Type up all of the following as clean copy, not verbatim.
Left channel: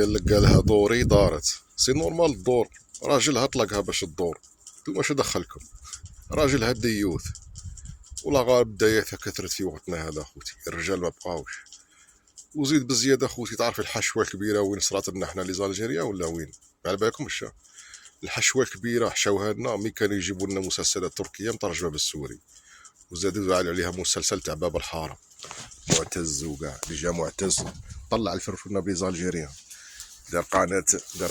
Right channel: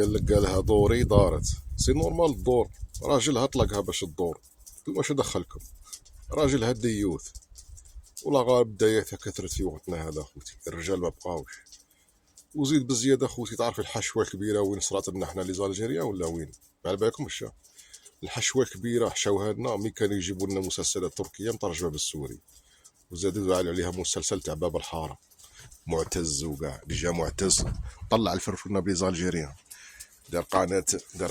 قالها دوري دارت سي نورمال الدور، راجلها طلقها باش الدور، نتوما واش دخلكم؟ راجلها ديوث ولا غالب داياتها كثرت في وقتنا هذا خوتي، الرجال ما بقاوش. وزيد بزياده خوتي، تعرف الحشوه الكبيره وين صرات لنا حنا لي زالجيريا ولا وين؟ على بالكمش الحشوه الكبيره حشاوها لنا ملي كانوا يجيبوا لنا مسلسلات تركيه مترجمه بالسوري، وزادوا عليها مسلسل تاع باب الحاره معتز، وكاع جا معتز طلع الفرفونه بلي زالجيريان، دار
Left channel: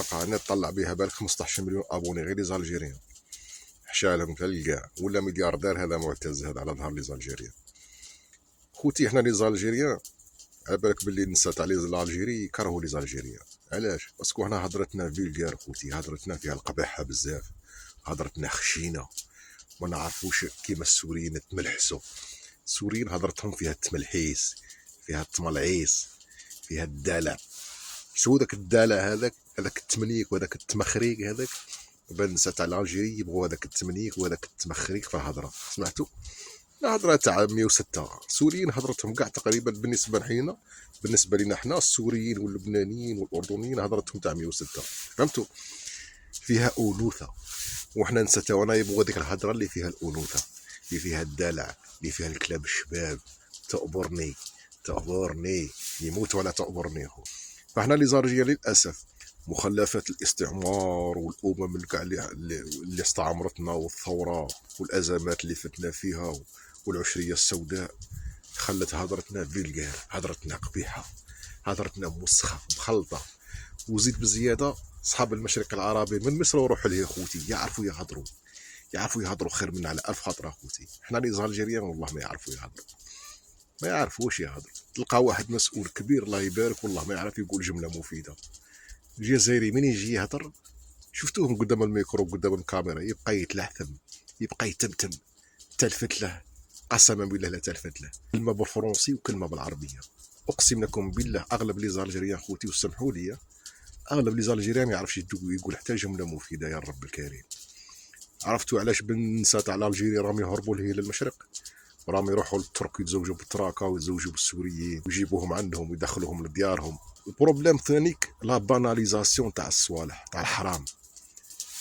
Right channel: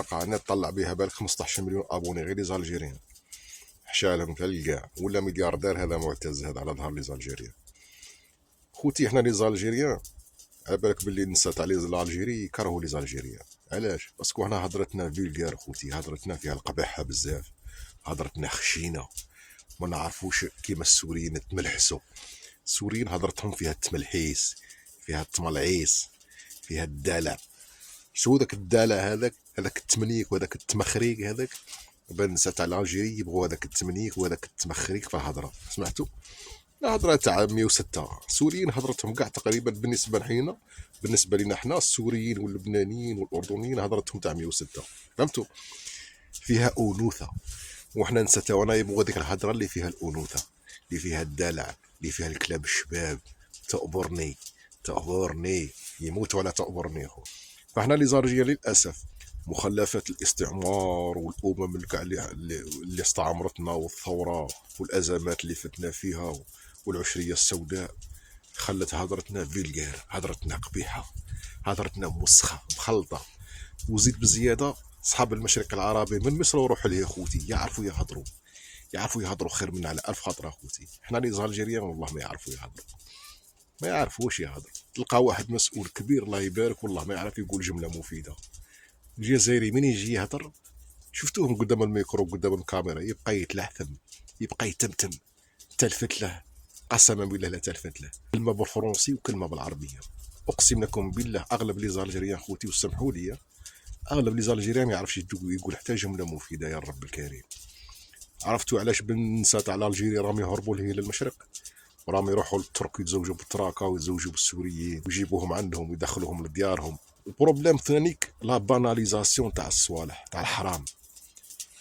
قناه طلع بها بالك 15 مليون ابوني غير لي زالجيريان، حشالهم كاع ولا ملياردير هذا معتز هذا على ظهر لي زالجيريان. خوتي حنا لي زالجيريان على بالك باللي النساء تاع لي زالجيري يكرهوا لي زالجيريان، علاش؟ باسكو حنا هضرتنا فيلغار خوتي، هضرتنا فيها القباحه بزاف، هضرتنا خشينه، ما نعرفوش كيما السوريين تملحسوا. السوريين هضرتهم فيها التملحيس، فيها التملعيس، فيها الدلع. شو ذاك الدلع هذاك التمنيك وهذاك التمخريق هذاك، بان النساء تاع الجيري يبغوا هذاك التمنيك وهذاك التمخريق في هضره، سمعتوا؟ الهضره تاع 106 السوريين هضرتهم كاع تقريبا بالنسبه لحنا، بالنسبه لنا حنا السوريين واللبنانيين والاردنيين هضرتهم تاع 106، فهمتوا؟ فيها انوثه، وحنا نسيت وانا يبغوا ديك الهضره اللي فيها الانوثه، اللي فيها الدلع، اللي فيها الكلاب الشباب، تأبرني يموت ولا تأبرني خو. فاحنا لي زارجيه للاسف مخلفات الاستعمار والامم اللي استعمرتنا والثوره والازمات اللي فتنا فيها والعشريه السوداء خلت هضرتنا فيلغار، هضرتنا قبيحه، هضرتنا مسخه مخلطه. وزيد بزياده صحاب المشرق العربي من مصر وروحوا ليه خوتي يعرفوا يهضروا خير من على 1000 خطره خوتي. حنا لي زالجيريان والله ما يعرفوا يهضروا، ما يعرفوش يهضروا. تلقى واحد مسؤول كبير الله يبارك والله ما يعرف يقول جمله مفيده. الجزائري من يجي يهضر شفتوهم قدام الميكرو قدام الكاميرا يبقى يتلعثم، يبقى يتمتم، تلفت له قسما بالله لا تلفت له، كلمه بالفرنسي وكلمه بالعربيه. اقسم لكم بالله اغلب لي زالجيريان خوتي وسمحوا لي، اغلب لي زالجيريان ما يعرفش يقول حتى جمله مفيده يا رب الكريم. عرفتوا علاش بالنساء تاع الجيري راهم يهربوا لهي للمشرق؟ راهم يروحوا للترك يتزوجوا بالتراكا ويتزوجوا بالسوريين ويجيبوهم عندهم ويدخلوهم لديارهم. البروبليم ثانيك لا باناليزاسيون تاع الصوالح تاع الحرام.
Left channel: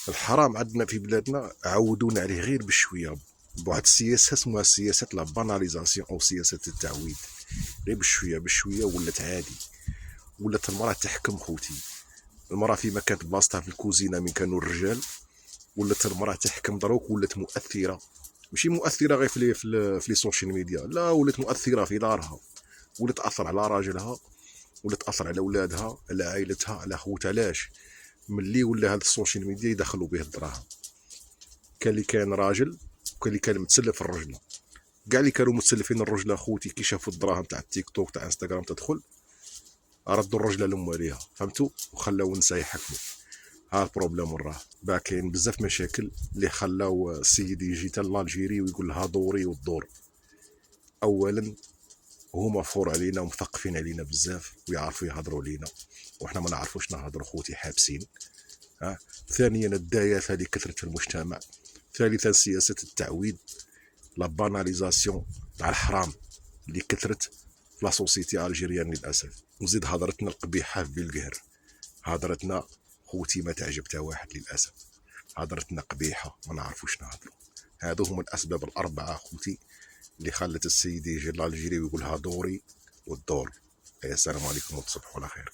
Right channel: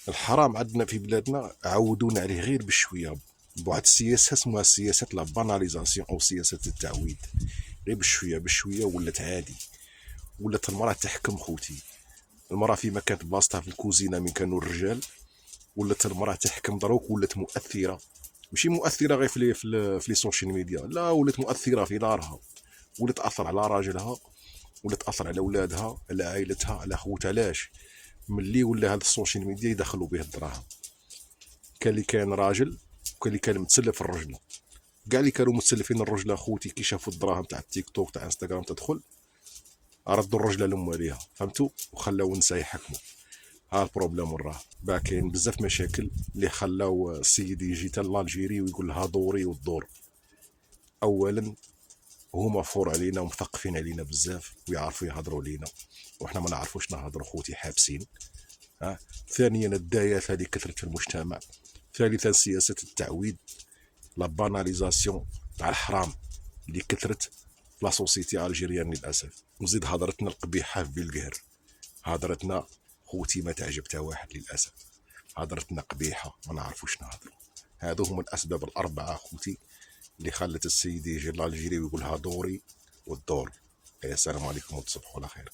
الحرام عندنا في بلادنا عودونا عليه غير بشويه، بواحد السياسه اسمها سياسه لا باناليزاسيون او سياسه التعويد، غير بشويه ولات عادي، ولات المراه تحكم خوتي. المراه فيما كانت بلاصتها في الكوزينه من كانوا الرجال، ولات المراه تحكم دروك، ولات مؤثره، ماشي مؤثره غير في لي سوشيال ميديا، لا ولات مؤثره في دارها، ولات تاثر على راجلها، ولات تاثر على اولادها، على عائلتها، على خوتها. علاش؟ ملي ولا هاد السوشيال ميديا يدخلوا به الدراهم. كان اللي كان راجل وكان اللي كان متسلف الرجل، كاع اللي كانوا متسلفين الرجل اخوتي كي شافوا الدراهم تاع التيك توك تاع انستغرام تدخل ردوا الرجله لامواليها، فهمتوا؟ وخلاو النساء يحكموا. ها البروبليم راه باه كاين بزاف مشاكل اللي خلاو السيد يجي تا الجيري ويقول لها دوري والدور. اولا هما فور علينا ومثقفين علينا بزاف ويعرفوا يهضروا علينا وحنا ما نعرفوش نهضروا خوتي حابسين. ثانيا الدايات هذه كثرت في المجتمع. ثالثا سياسه التعويد، لا باناليزاسيون تاع الحرام اللي كثرت في لا سوسيتي الجيريان للاسف. وزيد هضرتنا القبيحه في القهر، هضرتنا خوتي ما تعجبتها واحد للاسف، هضرتنا قبيحه ما نعرفوش نهضروا. هذو هما الاسباب الاربعه خوتي اللي خلت السيد يجي لالجيري ويقولها دوري والدور. السلام عليكم وتصبحوا على خير.